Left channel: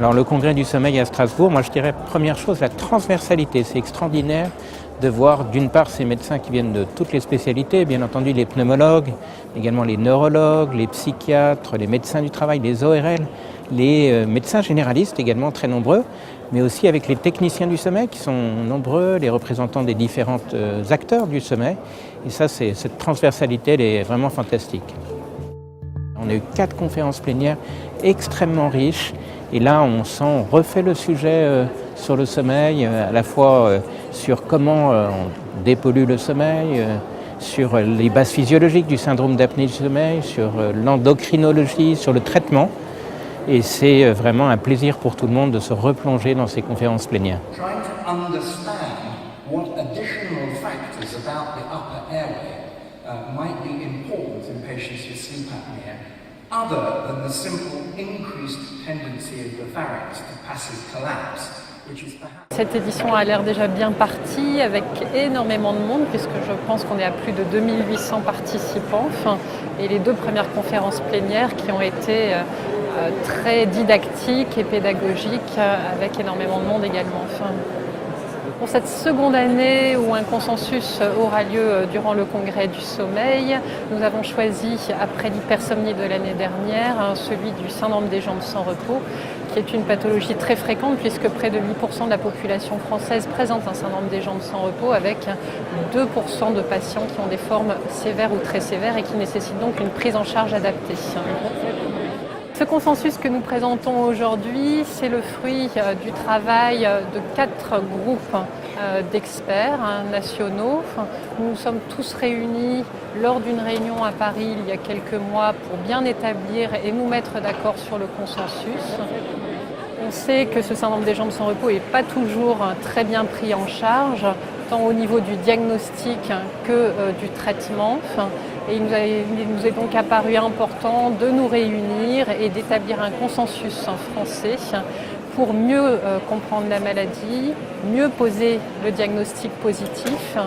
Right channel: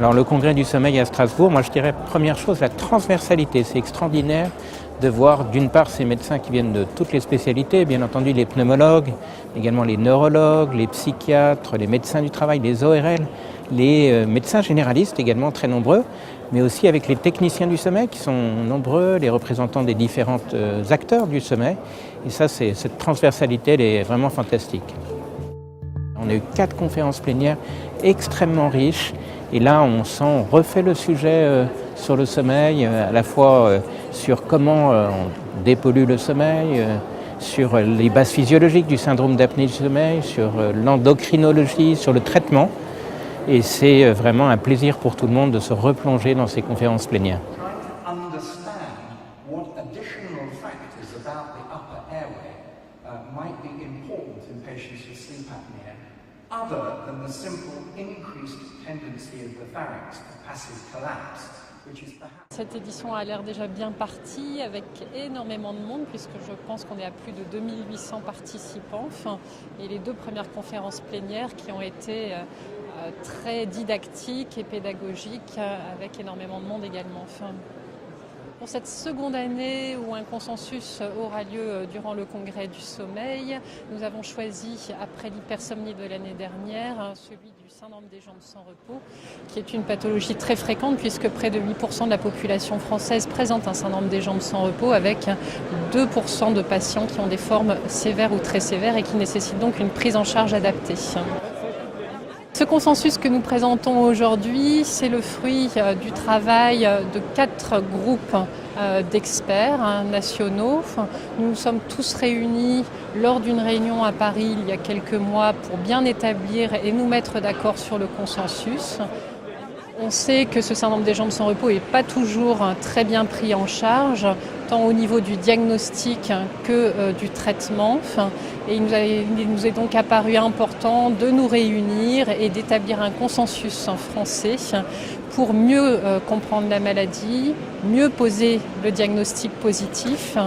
Alors le congrès du sommeil à Strasbourg, moi je dirais première chose, la transversalité. C'est extraordinaire de voir d'une part ces médecins qui viennent de toutes les spécialités, bien entendu les pneumologues, également les neurologues, les psychiatres, les médecins du travail, les ORL, les médecins généralistes également très nombreux, mais aussi avec les techniciens du sommeil qui sont nombreux, les représentants des différents acteurs du sommeil. Et ça, cette transversalité, elle est vraiment fantastique. On a eu 4 conférences plénières extrêmement riches. Et là, on refait le sujet sur le sommeil, à la fois sur comment on dépollue le sommeil, sur les bases physiologiques du syndrome d'apnée du sommeil, sur l'endocrinologie, sur le traitement. Et c'est vraiment un plaisir pour tout le monde de se replonger dans ces conférences plénières. Other than the simple increased tendency of the pharynx to passive collapse, which is perhaps... Cette édition a l'air déjà bien partie avec énormément de monde puisque je pense qu'on est à plus de 2800 participants et les 2 premières conférences plénières qui ont été très didactiques et pédagogiques avec énormément de monde également. Pour cette seconde année où un consensus aura lieu durant le congrès du sommeil, nous avons choisi, après l'hypersomnie de l'année dernière, celui du syndrome des jambes sans repos, qui est une pathologie très fréquente puisque près de 8% de la population française présente un syndrome des jambes sans repos avec 2% de patients qui ont des formes sévères ou très sévères et qui nécessitent donc une prise en charge adaptée. Ce consensus que nous présentons aujourd'hui, c'est le fruit du travail de 4 groupes d'experts nationaux. Nous nous sommes tous réunis lors d'une réunion à Paris il y a quelques mois pour bien établir et nous mettre d'accord sur le consensus. On sait que ce syndrome des jambes sans repos n'est pas toujours très bien pris en charge, tant au niveau du diagnostic que du traitement. Et il nous est donc apparu important de nous réunir et d'établir un consensus en français pour mieux comprendre la maladie, mieux poser le diagnostic positif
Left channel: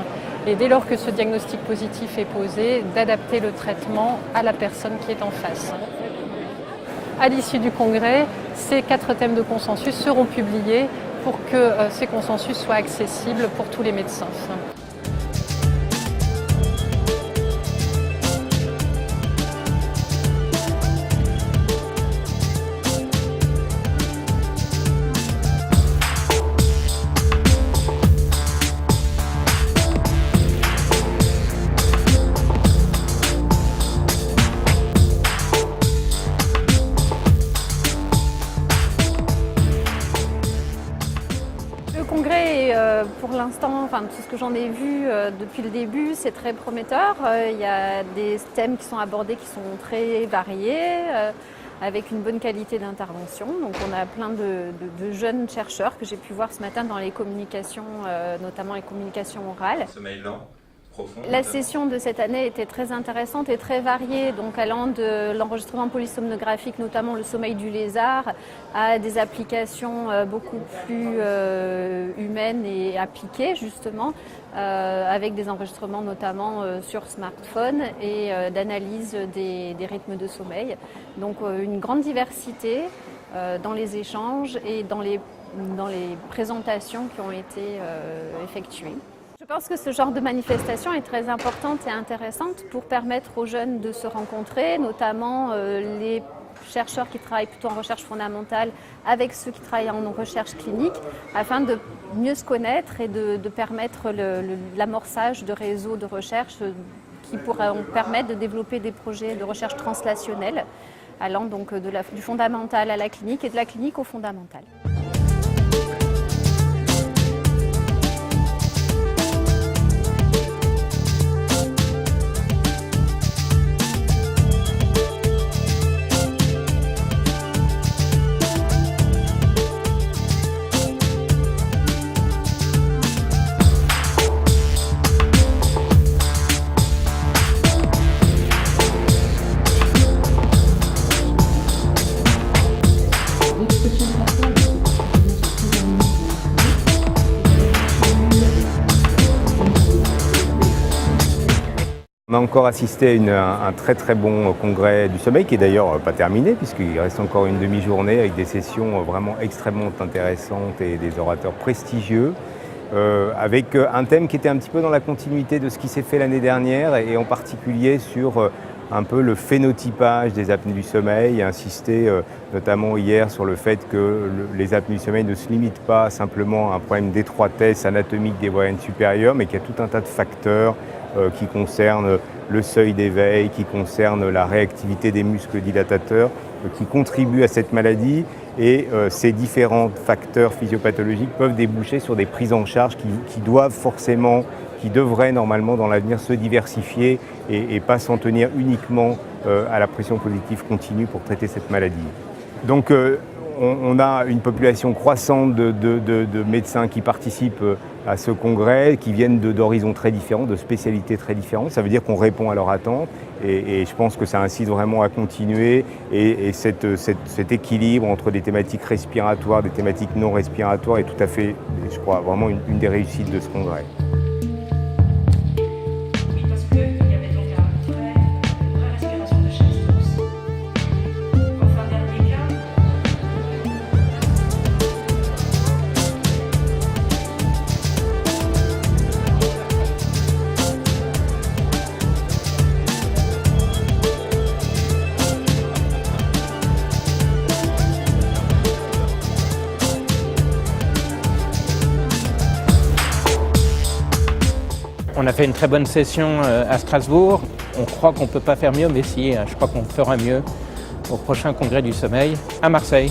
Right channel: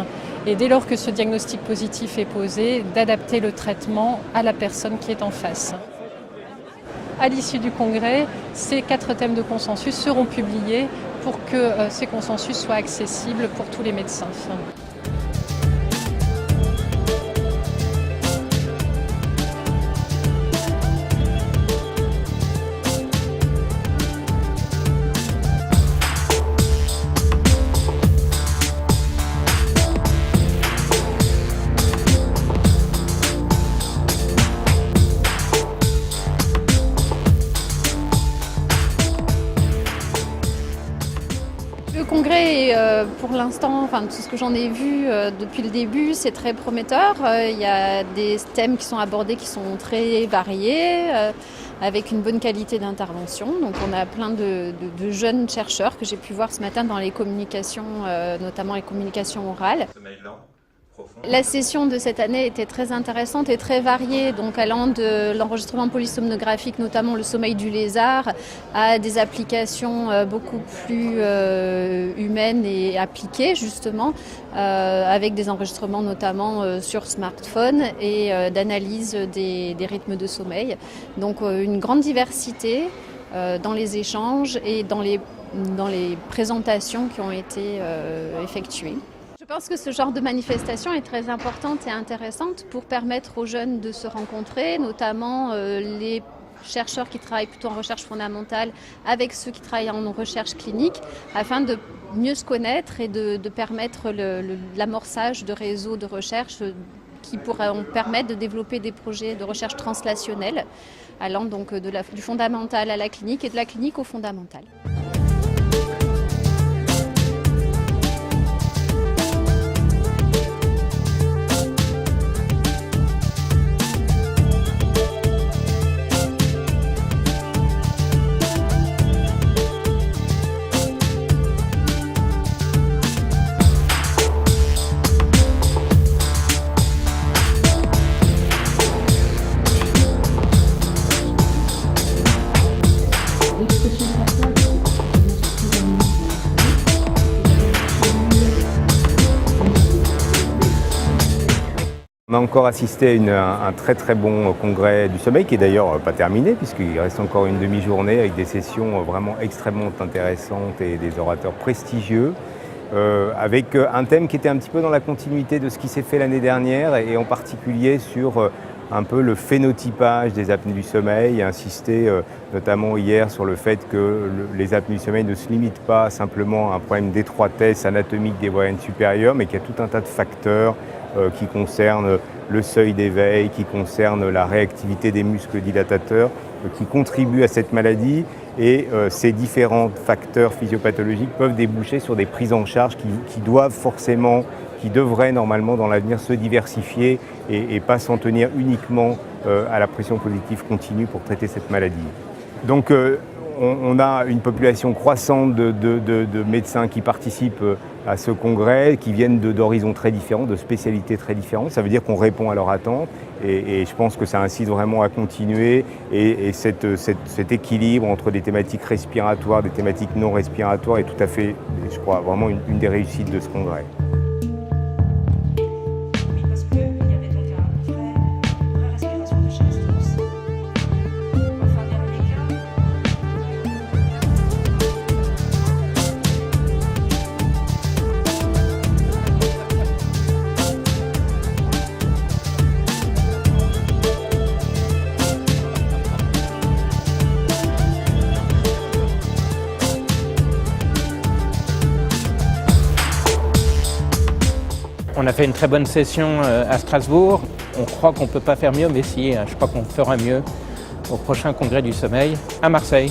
et dès lors que ce diagnostic positif est posé, d'adapter le traitement à la personne qui est en face. À l'issue du congrès, ces 4 thèmes de consensus seront publiés pour que ces consensus soient accessibles pour tous les médecins. Le congrès, pour l'instant, tout ce que j'en ai vu depuis le début, c'est très prometteur. Il y a des thèmes qui sont abordés qui sont très variés, avec une bonne qualité d'intervention. Donc on a plein de jeunes chercheurs que j'ai pu voir ce matin dans les communications, notamment les communications orales. Sommeil lent, profond. La session de cette année était très intéressante et très variée, donc allant de l'enregistrement polysomnographique, notamment le sommeil du lézard, à des applications beaucoup plus humaines et appliquées justement, avec des enregistrements notamment sur smartphone et d'analyse des rythmes de sommeil. Donc une grande diversité dans les échanges et dans les présentations qui ont été effectuées. Je pense que ce genre de manifestation est très importante et intéressante pour permettre aux jeunes de se rencontrer, notamment les chercheurs qui travaillent plutôt en recherche fondamentale avec ceux qui travaillent en recherche clinique, afin de mieux se connaître et de permettre l'amorçage de réseaux de recherche qui pourront permettre de développer des projets de recherche translationnelle, allant donc du fondamental à la clinique et de la clinique au fondamental. L'expression faciale, c'est très On a encore assisté à un très très bon congrès du sommeil qui est d'ailleurs pas terminé puisqu'il reste encore une demi-journée avec des sessions vraiment extrêmement intéressantes et des orateurs prestigieux avec un thème qui était un petit peu dans la continuité de ce qui s'est fait l'année dernière et en particulier sur un peu le phénotypage des apnées du sommeil, insisté notamment hier sur le fait que les apnées du sommeil ne se limitent pas simplement à un problème d'étroitesse anatomique des voies aériennes supérieures, mais qu'il y a tout un tas de facteurs qui concernent le seuil d'éveil, qui concernent la réactivité des muscles dilatateurs, qui contribuent à cette maladie. Et ces différents facteurs physiopathologiques peuvent déboucher sur des prises en charge qui devraient normalement dans l'avenir se diversifier et pas s'en tenir uniquement à la pression positive continue pour traiter cette maladie. Donc on a une population croissante de médecins qui participent à ce congrès, qui viennent d'horizons très différents, de spécialités très différentes. Ça veut dire qu'on répond à leurs attentes et je pense que ça incite vraiment à continuer et cet équilibre entre des thématiques respiratoires, des thématiques non respiratoires est tout à fait, je crois, vraiment une des réussites de ce congrès. On a fait une très bonne session à Strasbourg. On croit qu'on ne peut pas faire mieux, mais si, je crois qu'on fera mieux au prochain congrès du sommeil à Marseille.